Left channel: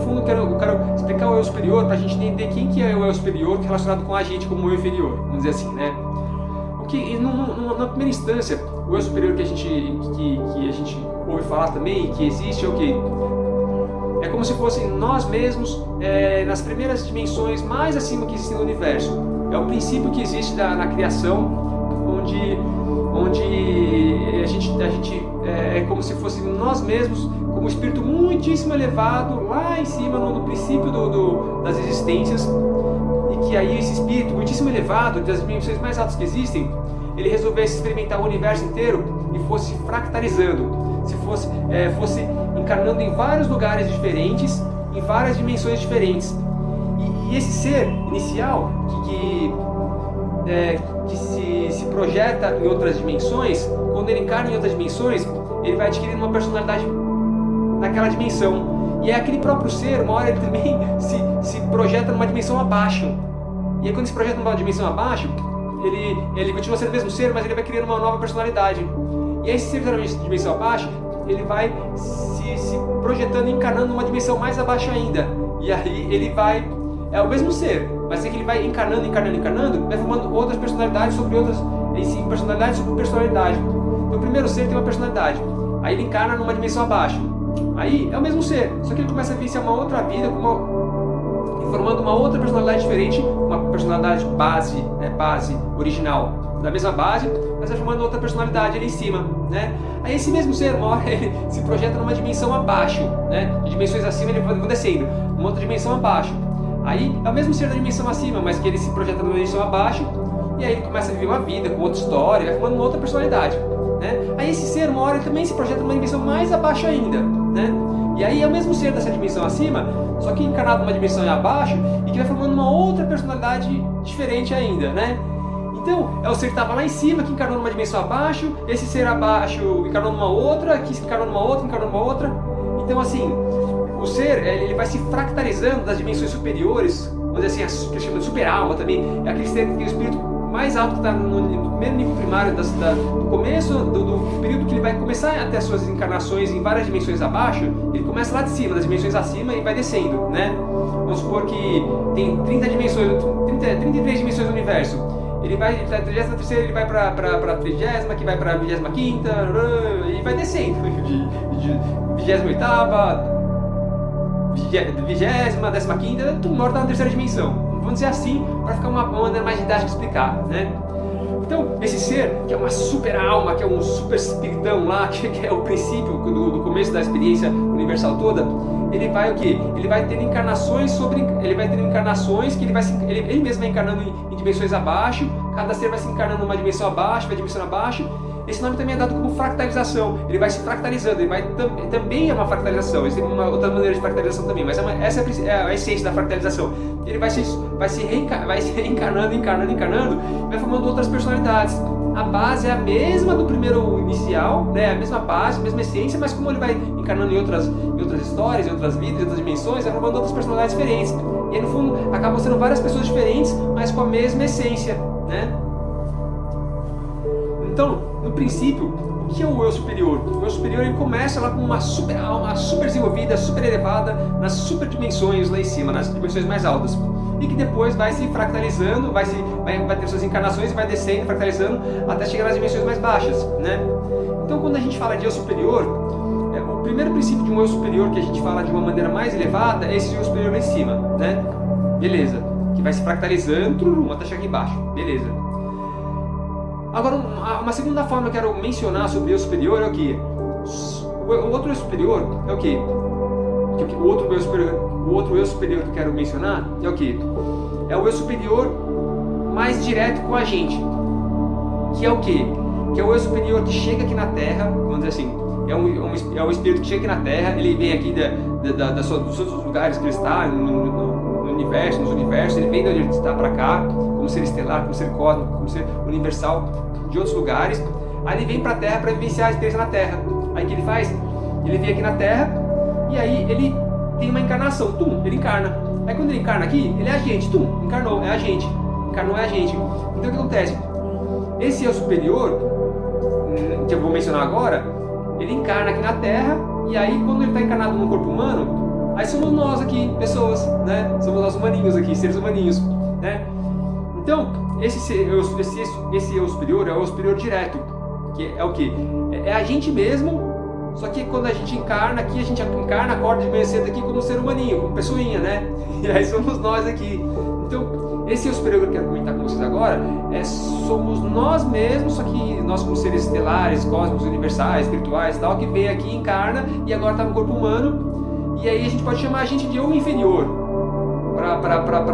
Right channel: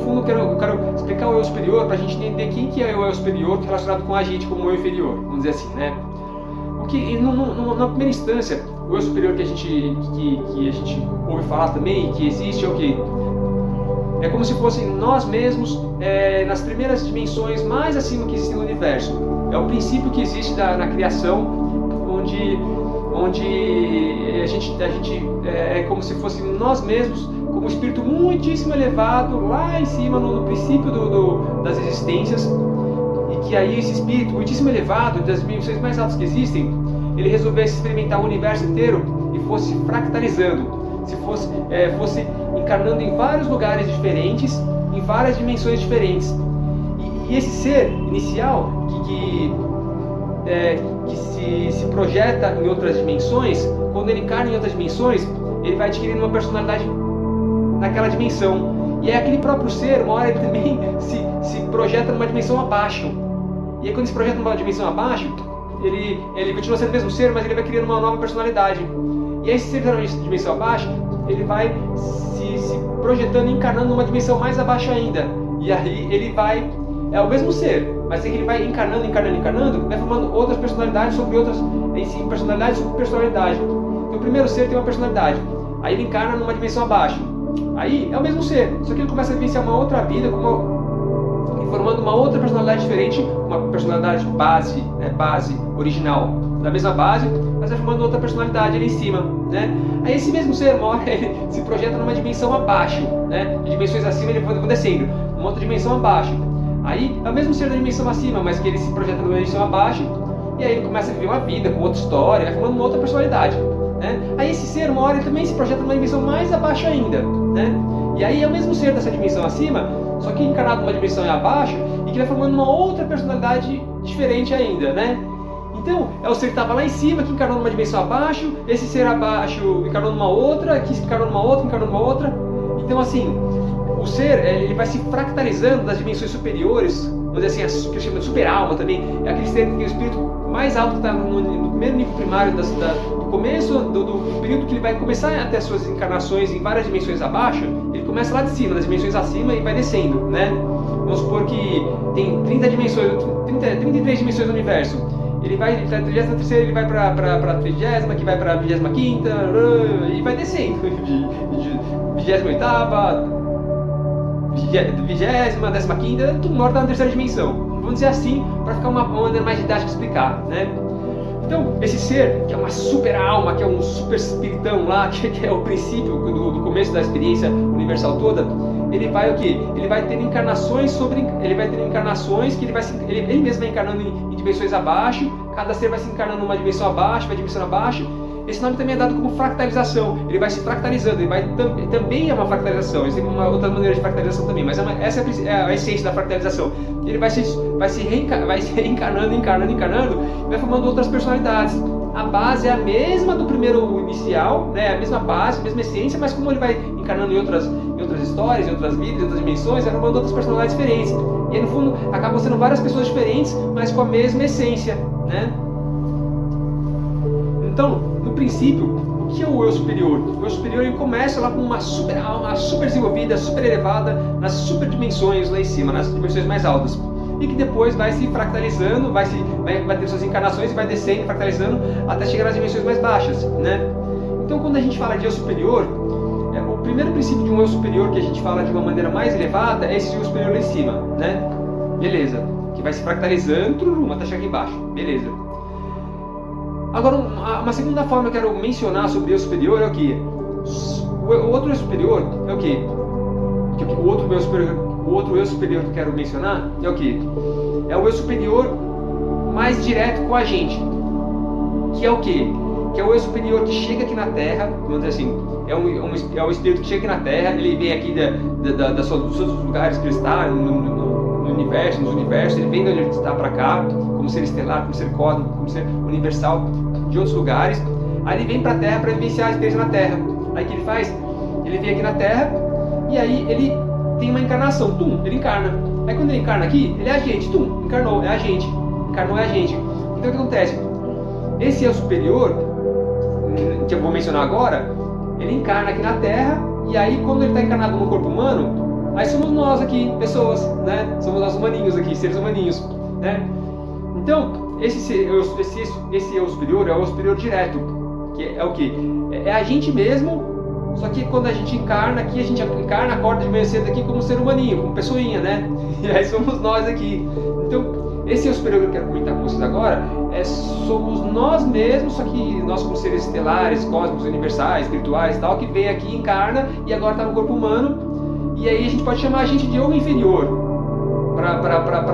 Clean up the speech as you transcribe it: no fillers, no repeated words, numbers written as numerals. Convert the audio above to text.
fundo eu quero explicar o eu superior para a gente entender quem que é o eu superior relacionado com a gente como o eu inferior, vamos dizer assim, né? O que, na primeira instância, o eu superior que a gente ouve falar também, que existe, é o que? É como se fossem nós mesmos nas primeiras dimensões mais acima que existem no universo. É o princípio que existe na criação, onde a gente é como se fosse nós mesmos, como um espírito muitíssimo elevado, lá em cima, no princípio das existências, e que aí esse espírito muitíssimo elevado, das dimensões mais altas que existem, ele resolvesse experimentar o universo inteiro e fosse fractalizando, se fosse encarnando em vários lugares diferentes, em várias dimensões diferentes. E esse ser inicial, que se projeta em outras dimensões, quando ele encarna em outras dimensões, ele vai adquirindo uma personalidade naquela dimensão. E é aquele próprio ser, uma hora ele também se projeta numa dimensão abaixo. E aí quando ele se projeta numa dimensão abaixo, ele continua sendo o mesmo ser, mas ele vai criando uma nova personalidade. E aí esse ser que está numa dimensão abaixo, ele vai se projetando e encarnando numa dimensão mais abaixo ainda. E aí ele vai... É o mesmo ser, mas é que ele vai encarnando, vai formando outras personalidades sobre outras... Em si, personalidade sobre personalidade. Então o primeiro ser tem uma personalidade. Aí ele encarna numa dimensão abaixo. Aí é o mesmo ser, só que ele começa a vivenciar uma outra vida, formando uma outra personalidade diferente, uma personalidade base, base original da mesma base, mas vai formando outra personalidade ali em cima, né? Aí esse mesmo ser, uma hora, ele se projeta numa dimensão abaixo, né? De dimensões acima ele vai descendo, uma outra dimensão abaixo. Aí é o mesmo ser da dimensão acima, mas que ele se projeta numa dimensão abaixo, e aí ele começa a viver uma vida com outra história, vai formando uma outra personalidade, né? Aí esse ser, uma hora, ele também se projeta numa dimensão mais abaixo ainda, né? E aí é o mesmo ser dessa dimensão acima, só que encarnado numa dimensão abaixo, e que vai formando uma outra personalidade diferente ainda, né? Então, é o ser que estava lá em cima, que encarnou numa dimensão abaixo, esse ser abaixo encarnou numa outra, que encarnou numa outra, encarnou numa outra. Então, assim, o ser, ele vai se fractalizando das dimensões superiores, vamos dizer assim, que chama de super-alma também, é aquele ser, que é o espírito mais alto que está no primeiro nível primário do começo, do período que ele vai começar a ter as suas encarnações em várias dimensões abaixo, ele começa lá de cima, das dimensões acima, e vai descendo, né? Vamos supor que tem 30 dimensões, 33 dimensões do universo. Ele vai da 33ª, ele vai para a 30ª, que vai para a 25ª, e vai descendo. 28ª, 20ª, 15ª, tudo norte está na terceira dimensão. Vamos dizer assim, para ficar uma maneira mais didática de explicar, né? Então, esse ser, que é uma super alma, que é um super espiritão lá, que é o princípio do começo da experiência universal toda, ele vai o quê? Ele vai tendo encarnações que ele mesmo vai encarnando em dimensões abaixo, cada ser vai se encarnando numa dimensão abaixo, vai dimensão abaixo. Esse nome também é dado como fractalização, ele vai se fractalizando, também é uma fractalização, existe uma outra maneira de fractalização também, mas essa é a essência da fractalização. Ele vai se encarnando, e vai formando outras personalidades. A base é a mesma do primeiro inicial, né? A mesma base, a mesma essência, mas como ele vai encarnando em outras histórias, em outras vidas, em outras dimensões, vai formando outras personalidades diferentes. E aí, no fundo, acabam sendo várias pessoas diferentes, mas com a mesma essência, né? Então, no princípio, o que é o eu superior? O eu superior, ele começa lá com uma super alma, super desenvolvida, super elevada, nas super dimensões lá em cima, nas dimensões mais altas. E que depois vai se fractalizando, vai ter suas encarnações e vai descendo, fractalizando, até chegar nas dimensões mais baixas, né? Então, quando a gente fala de eu superior, o primeiro princípio de um eu superior que a gente fala de uma maneira mais elevada é esse eu superior lá em cima, né? Beleza. Que vai se fractalizando até chegar aqui embaixo. Beleza. Agora, uma segunda forma que eu quero mencionar sobre o eu superior é o que? O outro eu superior é o que? O outro eu superior que eu quero mencionar é o que? É o eu superior mais direto com a gente. Que é o que? Que é o eu superior que chega aqui na Terra, vamos dizer assim, é um espírito que chega aqui na Terra, ele vem aqui dos seus lugares que ele está, no universo, nos universos, ele vem de onde ele está para cá, como ser estelar, como ser cósmico, como ser universal, de outros lugares. Aí ele vem para a Terra para vivenciar a experiência na Terra. Aí o que ele faz? Ele vem aqui na Terra e aí ele tem uma encarnação, ele encarna. Aí quando ele encarna aqui, ele é a gente, encarnou, é a gente, encarnou, é a gente. Então o que acontece? Esse eu superior, que eu vou mencionar agora, ele encarna aqui na Terra, e aí quando ele está encarnado no corpo humano, Aí somos nós aqui, pessoas, né? Somos nós humaninhos aqui, seres humaninhos, né? Então, esse eu superior é o superior direto, que é o quê? É a gente mesmo, só que quando a gente encarna aqui, a gente encarna, acorda de manhã cedo aqui como ser humaninho, como pessoinha, né? E aí somos nós aqui. Então, esse eu superior que eu quero comentar com vocês agora, somos nós mesmos, só que nós como seres estelares, cósmicos, universais, espirituais e tal, que vem aqui, encarna e agora está no corpo humano. E aí a gente pode chamar a gente de homem inferior, para